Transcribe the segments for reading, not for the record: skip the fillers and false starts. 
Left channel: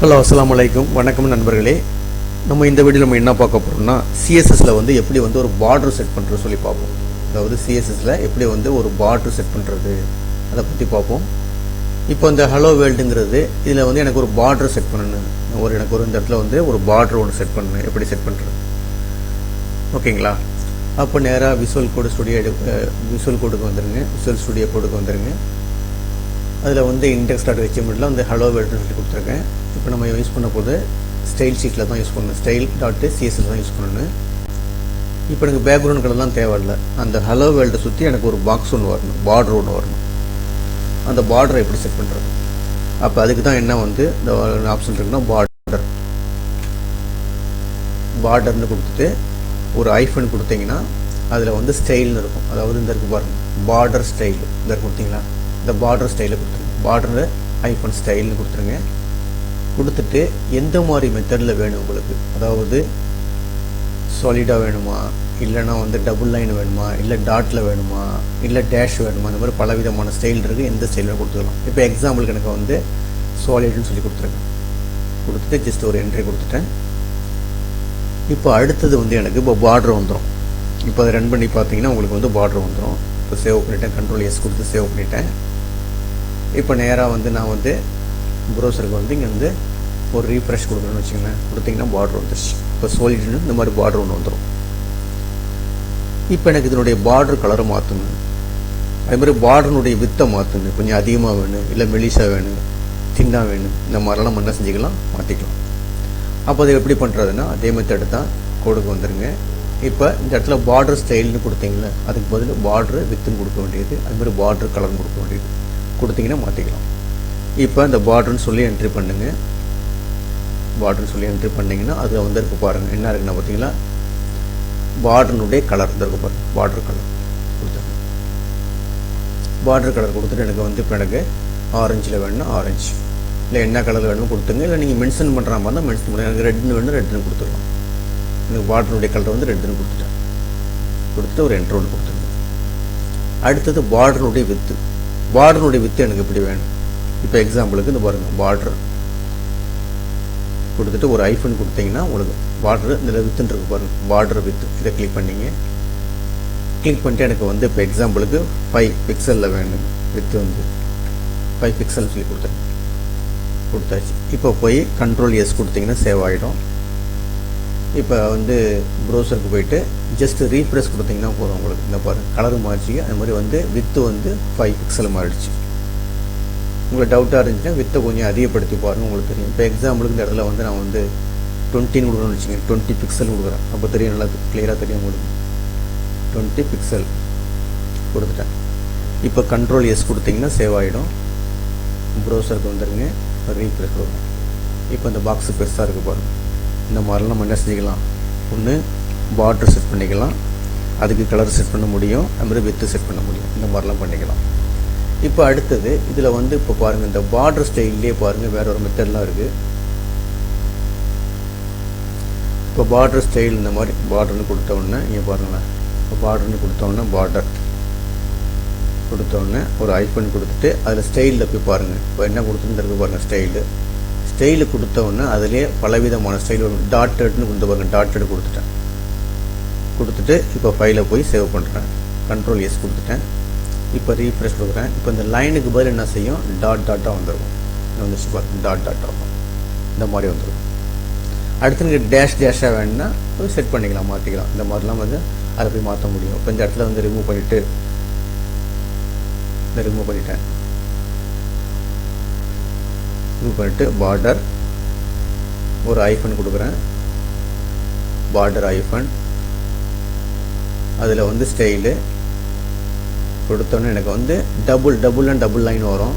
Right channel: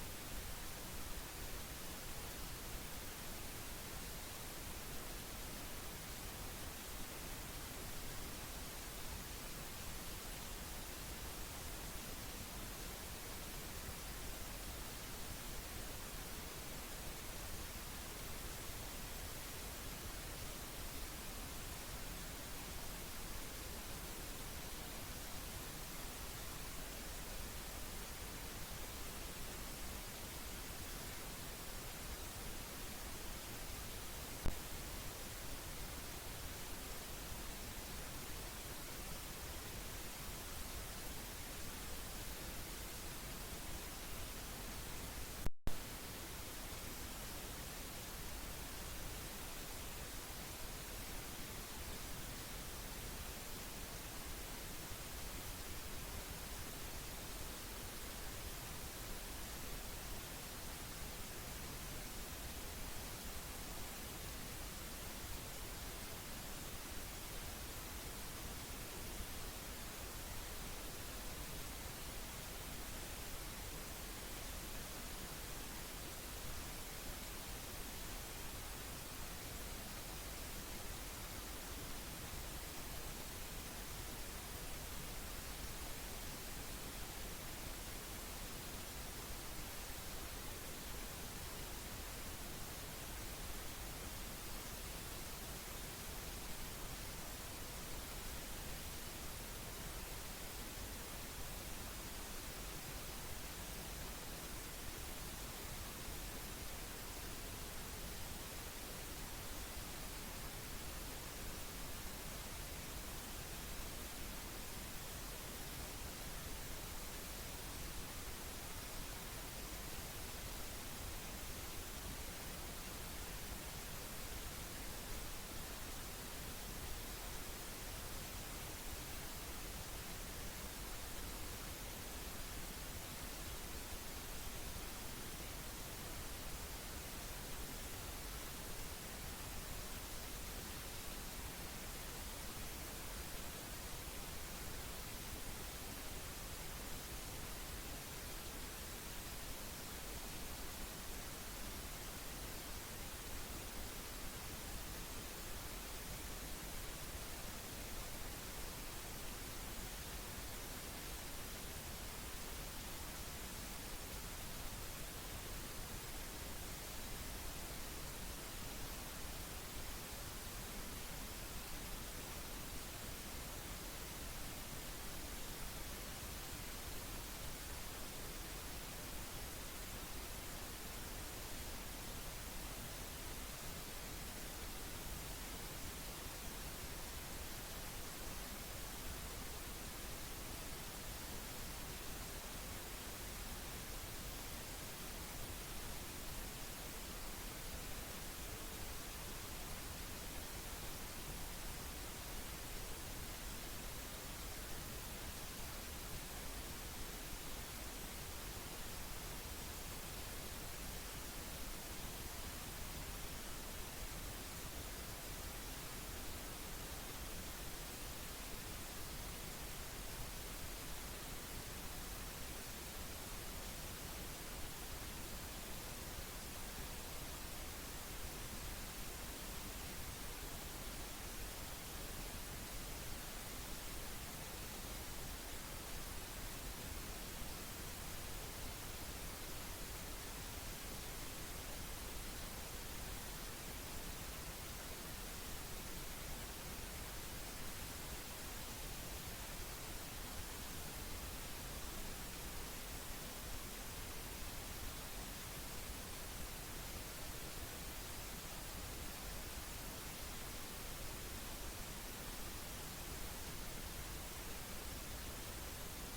Hello அஸ்ஸலாமு அலைக்கும். வணக்கம் நண்பர்களே. நம்ம இந்த வீடியோ நம்ம என்ன பார்க்க போகிறோம்னா சிஎஸ்எஸ்ல எப்படி ஒரு பார்டர் செட் பண்ணுறது சொல்லி பார்ப்போம். அதாவது சிஎஸ்எஸ்ல எப்படி ஒரு பார்டர் செட் பண்ணுறது அதை பற்றி பார்ப்போம். இப்போ இந்த ஹலோ வேர்ல்டுங்கிறது இதில் எனக்கு ஒரு பார்டர் செட் பண்ணணும். எனக்கு இந்த இடத்துல ஒரு பார்டர் ஒன்று செட் பண்ணணும். எப்படி செட் பண்ணுறது ஓகேங்களா? அப்போ நேராக விஷுவல் கோடுக்கு வந்துடுங்க. விஷுவல் ஸ்டுடியோ கோடுக்கு வந்துடுங்க. அதில் index.html ஹலோ வேர்ல்டு சொல்லி கொடுத்துருக்கேன். இப்போ நம்ம யூஸ் பண்ண போது ஸ்டைல் ஷீட்டில் தான் யூஸ் பண்ணணும். style.css தான் யூஸ் பண்ணணும். இப்போ எனக்கு பேக்ரவுண்ட் கலர்லாம் தேவையில்லை. அந்த ஹலோ வேர்ல்டை சுற்றி எனக்கு ஒரு பாக்ஸ் ஒன்று வரணும், பார்டர் ஒன்று வரணும். அந்த பார்டரை எப்படி செட் பண்ணுறது? அப்போ அதுக்கு தான் என்ன இந்த ஆப்ஷன் இருக்குன்னா பார்டர்னு கொடுத்துட்டு ஒரு ஐஃபன் கொடுத்தீங்கன்னா அதில் ஸ்டைல்னு இருக்கும். அதாவது இந்த இருக்கு பாருங்கள், பார்டர் ஸ்டைல். இந்த கொடுத்தீங்களா, இந்த பார்டர் ஸ்டைலை கொடுத்துருங்க. பார்டர் ஐஃபன் ஸ்டைல்னு கொடுத்துருங்க. கொடுத்துட்டு எந்த மாதிரி மெத்தடில் வேணும் உங்களுக்கு, அதாவது சாலிடாக வேணுமா, இல்லைனா டபுள் லைன் வேணுமா, இல்லை டாட்டில் வேணுமா, இல்லை டேஷ் வேணுமா, இந்த மாதிரி பலவிதமான ஸ்டைல் இருக்குது. எந்த ஸ்டைலில் கொடுத்துக்கலாம். இப்போ எக்ஸாம்பிளுக்கு எனக்கு சாலிட்னு சொல்லி கொடுத்துருங்க. கொடுத்துட்டு ஜஸ்ட் ஒரு என்ட்ரி கொடுத்துட்டேன். இப்போ அடுத்தது எனக்கு இப்போ பார்டர் வந்துடும். இப்போ அதை ரன் பண்ணி பார்த்தீங்கன்னா உங்களுக்கு பார்டர் வந்துடும். இப்போ சேவ் பண்ணிட்டேன். Ctrl S கொடுத்து சேவ் பண்ணிட்டேன். இப்போ நேராக நான் ப்ரௌசருக்கு இங்கே ஒரு ரீஃப்ரெஷ் கொடுக்குறேன்னு வச்சுக்கோங்களேன். கொடுத்தீங்கன்னா பார்டர் வந்துருச்சு. இப்போ சாலிட்னு இந்த மாதிரி பார்டர் ஒன்று வந்துடும். இப்போ எனக்கு இதனுடைய பார்டர் கலரை மாற்றணும். அதே மாதிரி பார்டருடைய வித்தை மாற்றணும். கொஞ்சம் அதிகமாக வேணும், இல்லை மெலிசாக வேணும், தின்னாக வேணும், இந்த மாதிரிலாம் நம்ம என்ன செஞ்சுக்கலாம், மாற்றிக்கலாம். அப்போ அதை எப்படி பண்ணுறதுன்னா அதே மெத்தட் தான். கோடுக்கு வந்துடுங்க. இப்போ இந்த இடத்துல பார்டர் ஸ்டைல்னு கொடுத்தீங்களே, அதுக்கு பதில் பார்டர் வித்துன்னு கொடுக்க வேண்டியது, அதுமாதிரி பார்டர் கலர்னு கொடுக்க வேண்டியது கொடுத்தீங்கன்னா மாற்றிக்கலாம். இப்போ இந்த பார்டர்னு சொல்லி என்ட்ரி பண்ணுங்க. பார்டர்னு சொல்லி என்ட்ரி பண்ணிங்கன்னா அது இருக்கு பாருங்கள். என்ன இருக்குன்னா பார்த்தீங்களா, பார்டருடைய கலர் இருக்கு பாருங்கள். பார்டர் கலர் கொடுத்துருங்க. பார்டர் கலர் கொடுத்துட்டு எனக்கு இப்போ எனக்கு ஆரஞ்சில் வேணும்னா ஆரஞ்சு, இல்லை என்ன கலர் வேணுமோ கொடுத்துங்க. இல்லை நீங்கள் மென்ஷன் பண்ணுற மாதிரி இருந்தால் மென்ஷன் பண்ணுங்க. எனக்கு ரெட்னு வேணும், ரெட்னு கொடுத்துடலாம். எனக்கு பார்டருடைய கலர் ரெட்னு கொடுத்துட்டேன். கொடுத்துட்டு ஒரு என்ட்ரு ஒன்று கொடுத்துருங்க. அடுத்தது பார்டருடைய வித்து. பார்டருடைய வித்து எனக்கு எப்படி வேணும்? இப்போ எக்ஸாம்பிளுக்கு இந்த பாருங்கள், பார்டர் கொடுத்துட்டு ஒரு ஐஃபன் கொடுத்தீங்கன்னா உங்களுக்கு பார்டர் இதில் வித்துன்னு இருக்கு பாருங்கள். பார்டர் வித்து இதை கிளிக் பண்ணிங்க. கிளிக் பண்ணிட்டு எனக்கு இப்போ எக்ஸாம்பிளுக்கு 5 பிக்சலில் வேணும். வித்து 5 பிக்சல் சொல்லி கொடுத்தாச்சு. இப்போ போய் Ctrl S கொடுத்தீங்கன்னா சேவ் ஆகிடும். இப்போ ப்ரௌசருக்கு போயிட்டு ஜஸ்ட் ரீஃப்ரெஷ் கொடுத்தீங்கன்னா போதும். உங்களுக்கு இந்த பாருங்கள் கலர் மாறிச்சு. அது மாதிரி வித்து 5 பிக்சல் மாறிடுச்சு. உங்களுக்கு டவுட்டாக இருந்துச்சுன்னா வித்தை கொஞ்சம் அதிகப்படுத்தி பாருங்கள், உங்களுக்கு தெரியும். இப்போ எக்ஸாம்பிளுக்கு இந்த இடத்துல நான் 20 கொடுக்கணும்னு வச்சுங்க. 20 பிக்சல் கொடுக்குறேன். அப்போ தெரியும், நல்லா கிளியராக தெரியும் உங்களுக்கு. 20 பிக்சல் கொடுத்துட்டேன். இப்போ Ctrl S கொடுத்தீங்கன்னா சேவ் ஆகிடும். ப்ரௌசருக்கு வந்துடுங்க. ரீஃப்ரெஷ் கொடுங்க. இப்போ இந்த பாக்ஸு பெருசாக இருக்குது பாருங்கள். இந்த மாதிரிலாம் நம்ம என்ன செஞ்சுக்கலாம், ஒன்று பார்டர் செட் பண்ணிக்கலாம், அதுக்கு கலர் செட் பண்ண முடியும், அது மாதிரி வித்து செட் பண்ண முடியும். இந்த மாதிரிலாம் பண்ணிக்கலாம். இப்போ அடுத்தது இதில் இப்போ பாருங்கள், இந்த பார்டர் ஸ்டைல்லே பாருங்கள் வேறு ஒரு மெத்தட்லாம் இருக்குது. இப்போ பார்டர் ஸ்டைல் இந்த மாதிரி பார்டர்னு கொடுத்தோடனே இங்கே பாருங்களேன். இப்போ பார்டர்னு கொடுத்தோடனே பார்டர் கொடுத்தோடனே ஒரு ஐஃபன் கொடுத்துட்டு அதில் ஸ்டைலில் போய் பாருங்கள். இப்போ என்ன கொடுத்துருக்கு பாருங்கள், ஸ்டைலு கொடுத்தோடனே அதிலே பலவிதமான ஸ்டைல் வரும். டாட்டட்னு கொடுத்து பாருங்கள். டாட்டட் கொடுத்துட்டு இப்போ ஃபைலை போய் சேவ் பண்ணுறேன். Ctrl S கொடுத்துட்டேன். இப்போ ரீஃப்ரெஷ் கொடுக்குறேன். இப்போ இந்த லைனுக்கு பதில் என்ன செய்யும், டாட்டாக வந்துருக்கும். வந்துச்சு பாருங்கள், டாட்டாக இந்த மாதிரி வந்துடும். அடுத்து நீங்கள் டேஷாக வேணும்னா செட் பண்ணிக்கலாம், மாற்றிக்கலாம். இந்த மாதிரிலாம் அதை போய் மாற்ற முடியும். இப்போ இந்த இடத்துல ரிமூவ் பண்ணிவிட்டு ரிமூவ் பண்ணிவிட்டு பார்டர் ஒரு ஐஃபன் கொடுக்குறேன். பார்டர் ஐஃபன் அதில் ஸ்டைலு கொடுத்தோன்னே எனக்கு டபுள் லைன் வரும்.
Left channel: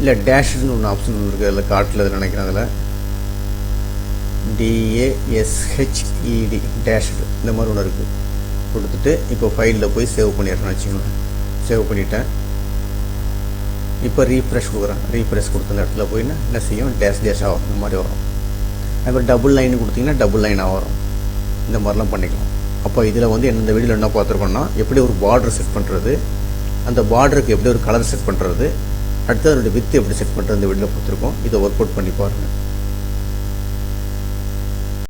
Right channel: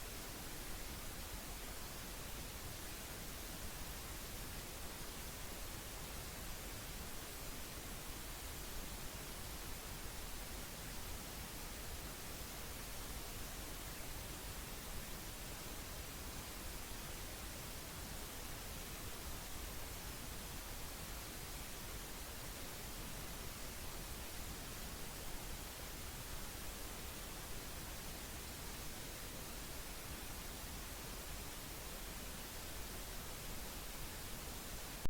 இல்லை டேஷ்னு ஒன்று ஆப்ஷன் இருக்குது. அதில் காட்டில் நினைக்கிறேன். அதில் DASHED டேஷ்டு இந்த மாதிரி ஒன்று இருக்குது. கொடுத்துட்டு இப்போ ஃபைலில் போய் சேவ் பண்ணிடுறேன்னு வச்சுக்கோங்களேன். சேவ் பண்ணிட்டேன். இப்போ ரீஃப்ரெஷ் கொடுக்குறேன். ரீஃப்ரெஷ் கொடுத்த இடத்துல போய் என்ன செய்யும், டேஷாக வரும். இந்த மாதிரி வரும். அதுமாதிரி டபுள் லைன் கொடுத்தீங்கன்னா டபுள் லைனாக வரும். இந்த மாதிரிலாம் பண்ணிக்கலாம். அப்போ இதில் இந்த வீடியோவில் என்ன பார்த்துருக்கோன்னா எப்படி ஒரு பார்டர் செட் பண்ணுறது, அந்த பார்டருக்கு எப்படி ஒரு கலர் செட் பண்ணுறது, அடுத்து அதனுடைய வித்து எப்படி செட் பண்ணுறது இந்த வீடியோவில் கொடுத்துருக்கோம். இதை ஒர்க் அவுட் பண்ணி பாருங்கள்.